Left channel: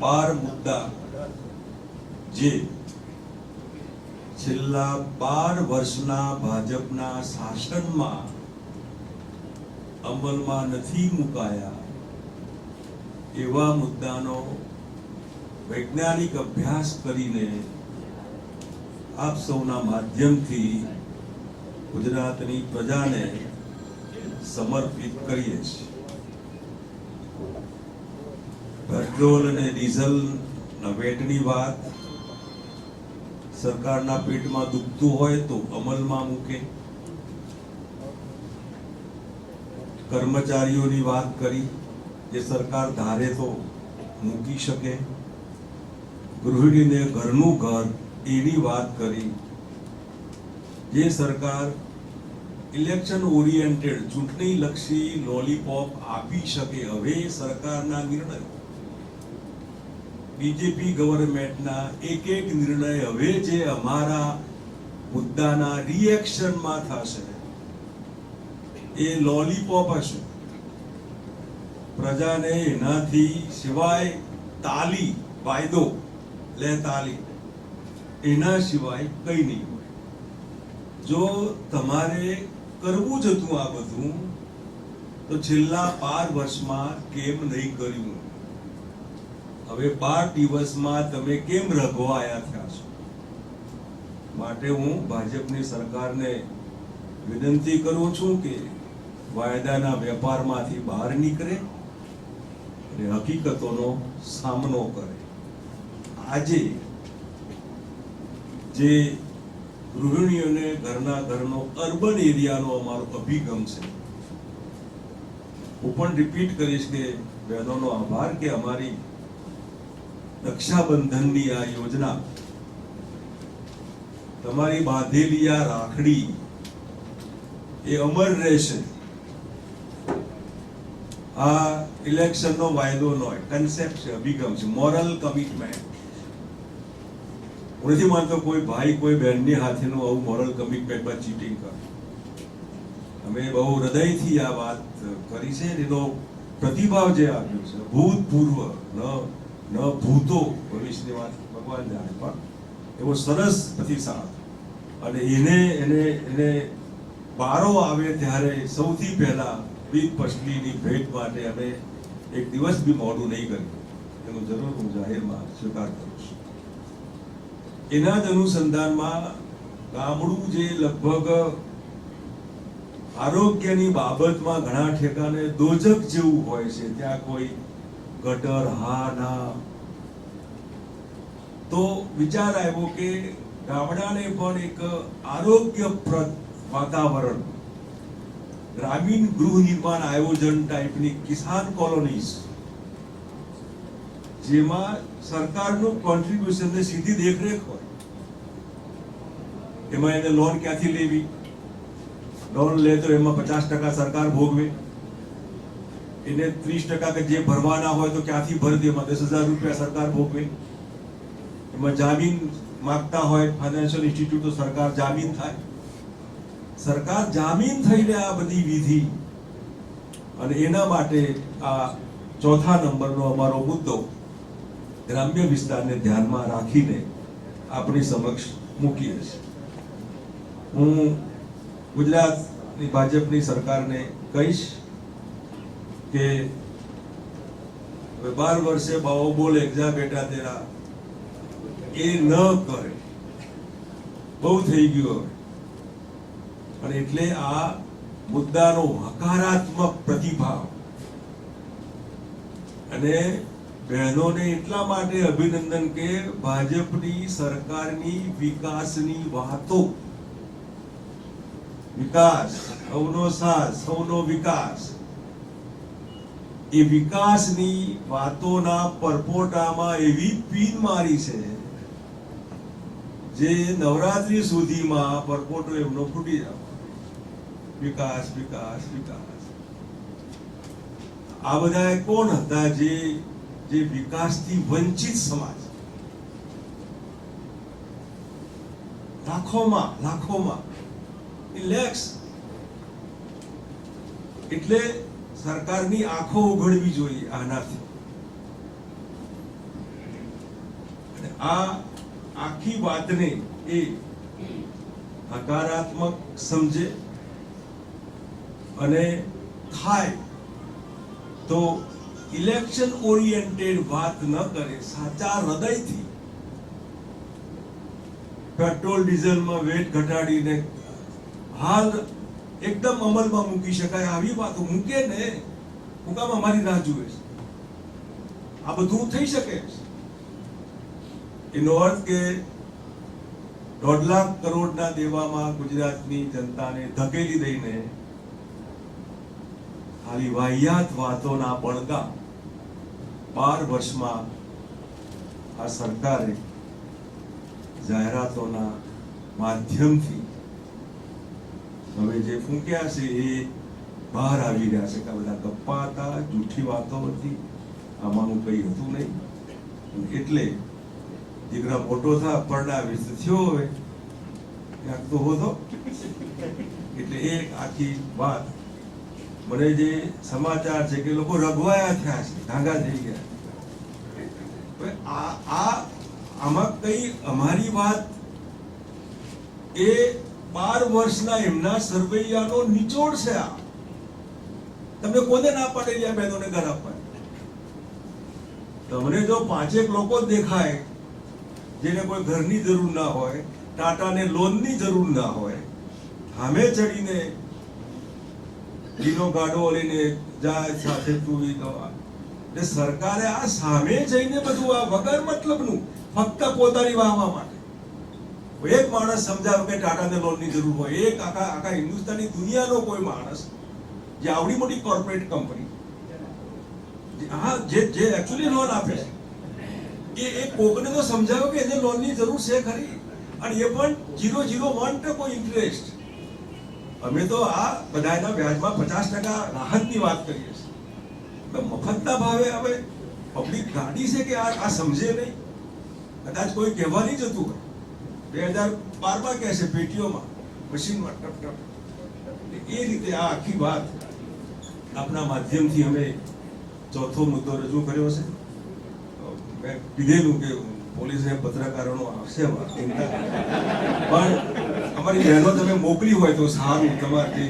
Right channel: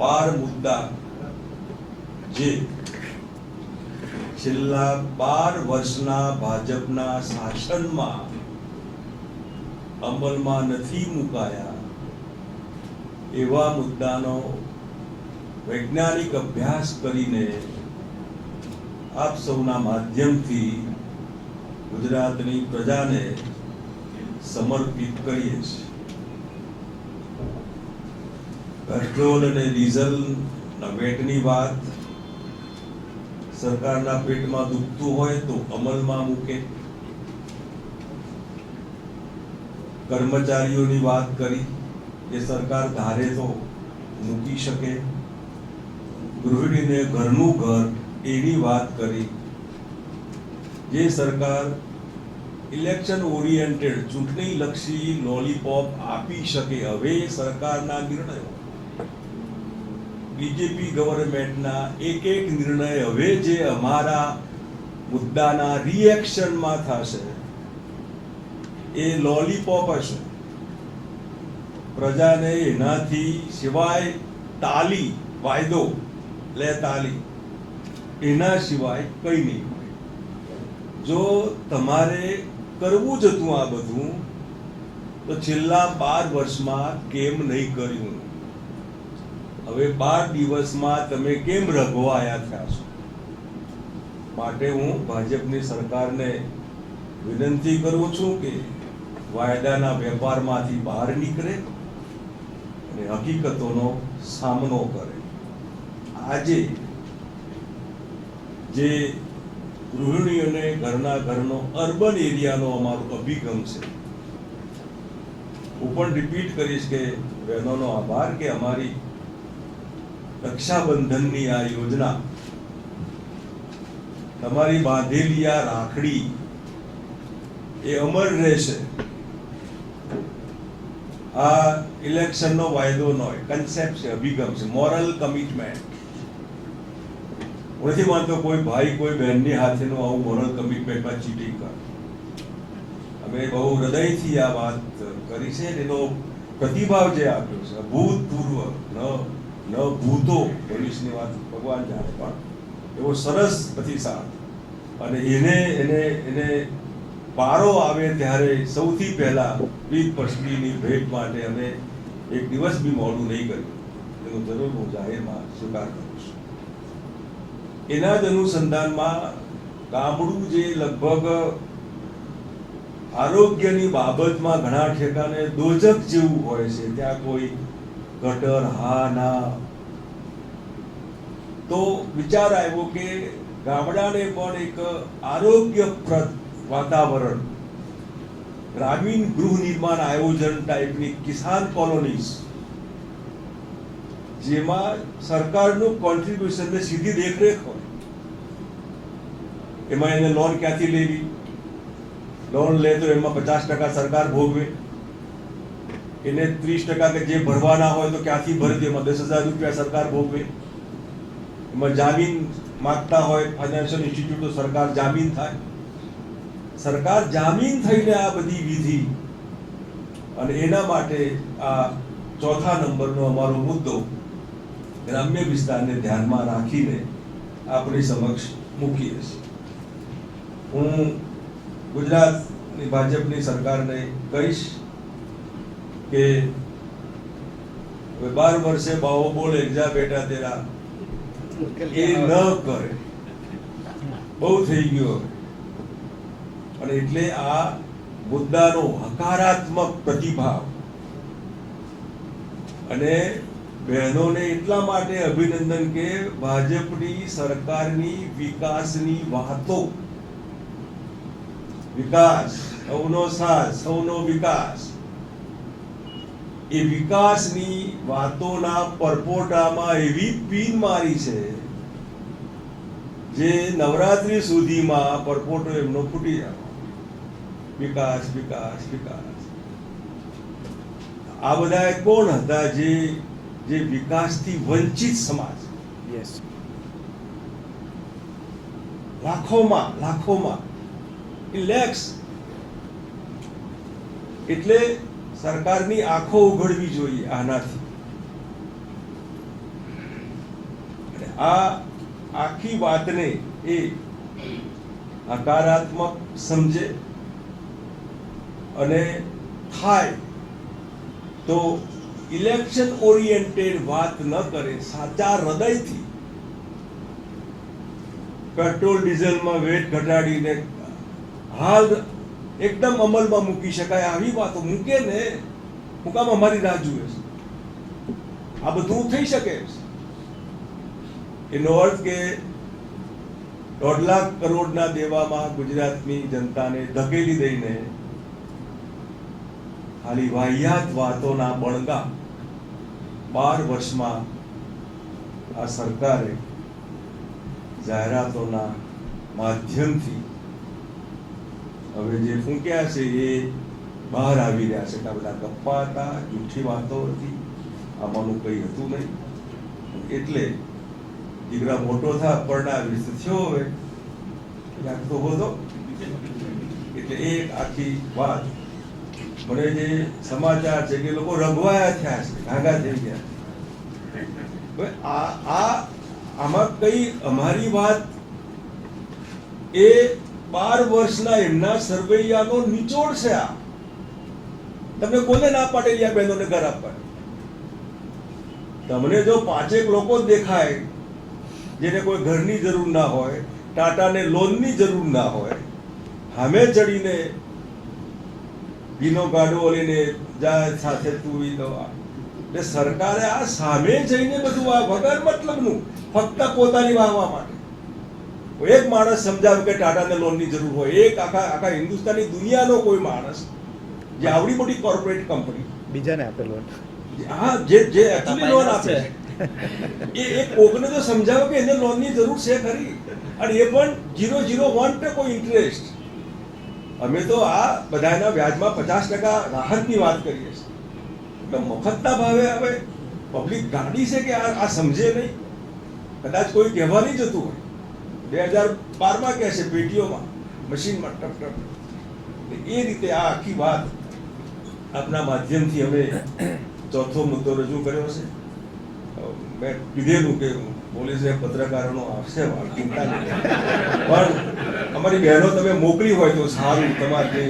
12 મુદ્દા જે છેલ્લા 12 વર્ષના ભાજપના શાસનમાં અમલમાં નથી મુકાયા એવા મુદ્દાનો વૈજ્ઞાનિક અભ્યાસ કરીને આપ સૌના માધ્યમથી ગુજરાતની પ્રજાને સમર્પિત કરીએ છીએ. પેટ્રોલ અને ડીઝલના વેટની વાત સરકારના પેટમાં દુખતું હોય તો અમલમાં મૂકે. કર્મચારીઓની વાત કરી એ સરકાર ધારે તો મૂકી શકે. ગૃહિણીને ઘરનું ઘર એની વાત કરી. જે સરકાર ઇલેક્શન ઓરિએન્ટેડ ચૂંટણી લક્ષી લોલીપોપ આપી શકે હવે સરકારના નિર્ણયો, બીજેપી ગવર્મેન્ટના એક નિર્ણય હવે જે અમારા મુદ્દાના રિએક્શનમાં થશે એ લોલીપોપ હશે. પ્રજાને એનાથી સિવાય તાલી વાયદો લે તાલી એના સિવાય કઈ નહીં મળે. જો તમારે કરવું જ હતું આ બધું તો છેલ્લા 12 વર્ષમાં કેમ નહીં કર્યું? હવે 12 દિવસમાં તમે કેમ રઘવાયા થયા છો? માટે હું ભાજપની સરકારને વિનંતી કરું છું કે વાયદાના વેપારમાંથી બહાર નીકળે અને હકીકતોનો સામનો કરે. આજે જે ગૃહિણીઓને ઘરનો અર્બન એરિયાનો અમારો અભિગમ છે, હું પણ રિપીટ કરીશ કે બહેનોનો આભાર કે અમારી રક્ષાબંધનની આ યોજના, તમારી બાંધેલી આ રાખડી એ અમર રહેશે. આ ઇલેક્શનનો વાયદો નો કન્સેપ્ટ છે, અભિગમ છે, મોરલ કમિટમેન્ટ. હું નથી માનતો કોઈ ભાઈ કોઈ બહેનની હાથેનું આવું મોરલ કમિટમેન્ટમાં ચીટિંગ કરે. અમે બહુ હૃદયથી આ વાત કરી છે. એનો પ્રતિભાવ જે આપ્યો છે ભૂતપૂર્વ ન ભૂતો ભવિષ્યની વાત ભગવાન જાણે, પણ એવો સરસ પ્રતિસાદ. અને એને વારો આવે ત્યારે સૌથી પહેલા વિપક્ષની ભેટ માટે અમે એક દિવસ બી મોડું નહીં કર્યું. એનું જરૂર હું જાહેરમાં સ્વીકાર કરું છું. એના જ અનુસંધાનમાં ગામડું જે લગભગ આરોગ્યની બાબતમાં ઘણા ઠેકાને દોજક જેવું હોય છે, ત્યાં કોઈ ગટર હા ના, તો વિચાર આવ્યો કે ગામડાને પણ એક આરોગ્યપ્રદ વાતાવરણ, ગ્રામીણ ગૃહ નિર્માણ આયોજન ટાઈપની કિસાન કોલોનીઝ, જેમાં સરકારનું કોન્ટ્રીબ્યુશન ને સીધી દેખરેખ હોય. એમાં એને લોન ક્યાંથી લેવી, લોન લે તો એમાં 50% સરકાર ભોગવે, એને 30% કે જે ભરવાના હોય તો ક્યાંથી ભરે, એમાં 10,000 રૂપિયા સરકાર ભોગવે. એમાં જામીન માંગતા હોય ફાઇનાન્શિયલ ઇન્સ્ટિટ્યૂટો, સરકાર જામીન થાય. સરકાર જામીન થઈને આ બધી વિધિ, અને એના માટે આ ચોથા નંબરનો અમારો મુદ્દો ગ્રામ્ય વિસ્તારને ધ્યાનમાં રાખીને આપણી સમક્ષ મૂકીએ છીએ. હું ગુજરાતની ભાજપની સરકારને કહીશ કે 12 વર્ષે બાવો બોલે જા બેટા તેરા એ ન કરે. બહુ થઈ ગયું હવે. અને એટલે આ મુદ્દાનો હકારાત્મક પ્રતિભાવ, અને બહેનોને એટલા માટે અભિનંદન કે ભાજપની સરકારની વિકાસની વાતો, વિકાસ સૌનો સાથ સૌનો વિકાસ, એ વિકાસની વાતોના પરપોટામાં એવી પીન મારી છે જે નવરાત્રી સુધીમાં પરપોટો એમનો ફૂટી જાય. વિકાસ વિકાસ વિકાસ. આ બધા કોણ હતા જે વિકાસથી વંચિત સમાજ, લાખોમાં લેક્સ. એટલે સરકારની આંખો ઉઘડવી જોઈએ આનાથી. આ આખી વાતને એ હકારાત્મક સમજે અને થાય તો ઇલેક્શન ઓરિએન્ટેડ વાત ન કરે, સાચા હૃદયથી પેટ્રોલ ડીઝલમાં વેટ ઘટાડીને હાલ એકદમ અમલમાં મૂકી શકાય આવી વાતો મૂકે ને, હું કામ અમારી રાહ જુએ છે? આ બધું થઈ શકે એનો અર્થ કે 1.5 લાખ કરોડના દેવામાં ગુજરાતની જનતાને ધકેલી દઈને ખાલી વાહિયાત વાતોના બળગા 12 વર્ષમાં આ સરકારે જાહેરાતોના માધ્યમથી હવે જે ફૂંક્યા છે એ બહાર આવી રહ્યા છે કે બધા ગપ્પા હતા, જૂઠી વાતો હતી, આમાંનું કંઈ હતું નહીં. એટલે દીકરા મોટો થા પરણાવે થયો હોય ક્યાંક તો હોતો. એટલે એ આખી વાત મને જે સમાચાર છે કે લોકો રઘવાયા થયા છે, ભાગા થઈ ગયા. આમાં કઈ અમારી વાત એ 12 વર્ષના એમના સરવૈયાનો નિચોડ છે. આ તમને કોને ના પાડેલી આ બહેનોને ઘર આપવા? તમને જો 5 લોકો દેખાય જેને કોઈ ઘરની જરૂર ના હોય, ટાટાને લોનની જરૂર ના હોય, સામે ચડીને ગીનો ગાડો લઈને જાય સાથે તું એટલે સરકારે આ સામે જઈને બધું આ વગર મતલબનું ફક્ત પોતાની વાહવા માટે એક માણસ સમજાવે કે ટાટાને લોનની જરૂર હોય, એક આખા હિન્દુસ્તાની દુનિયાનો કોઈ માણસ જે આવડી મોટી કોર્પોરેટ કંપની બીજાને આપેલો હા જે એકચ્યુઅલી લોન આપે એ કોકને તો સમજાવો કે એને લોનની જરૂર છે ખરી, અને એ પણ 0.01% કોઈ ઇન્ટરેસ્ટ. અમે તો આ બધાના વ્યાજમાં 50% રાહતની વાત કરીએ છીએ. એટલે મફતના ભાવે હવે પબ્લિક ગાડી છે કે આ સમજે નહીં. કદાચ કોઈ કહેવા નહીં જતું હોય, 2012માં કહે છે પેટીઓમાં મશીનમાં ટપ ટપ. એ રીતે આ આખી વાત આપના માધ્યમથી અમે ચોથો મુદ્દો રજૂ કર્યો છે. મેં કીધેલું કે પોલીસે પત્રકારોનો આવશે ચિંતા નહીં, પણ અમારી બહેનો તમે મોકલી હોય તો સારું, તમારે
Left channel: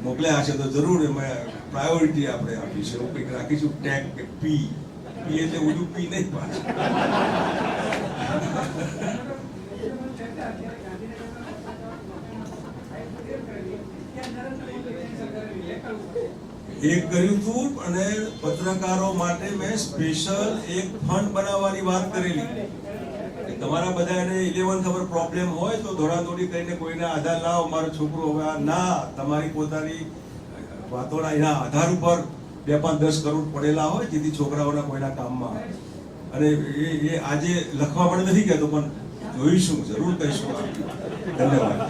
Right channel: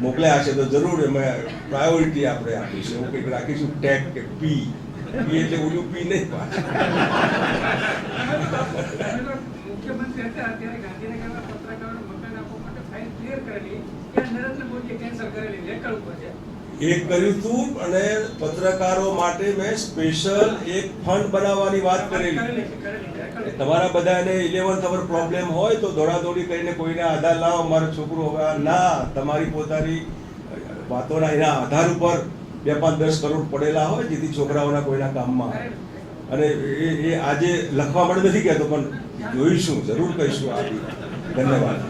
મોકલ્યા હશે તો જરૂર એમાં પ્રાયોરિટી આપણે આપીશું, એવું કંઈક રાખીશું, ટેગ કે પી એટલે ઓલું પી નહીં પાછું. એક કર્યું હતું અને પત્રકારો માટે મેં સ્પેશિયલ એક ફંડ બનાવવાની વાત કરેલી. તમારા બધાને 11th અવર પ્રોબ્લેમ હોય તો દોડાદોડી કરીને કોઈને આધાર લાવો, અમારો છોકરો હવે ના, તમારી પોતાની વાતોના એના આધાર ઉપર 2-5-10 કરોડ પડેલા હોય જેથી છોકરાઓના કોઈના કામમાં આવે. અને એ આજે લખવા માટે નથી કહેતો, પણ જોઈશું, જરૂર કહીશું. ધન્યવાદ.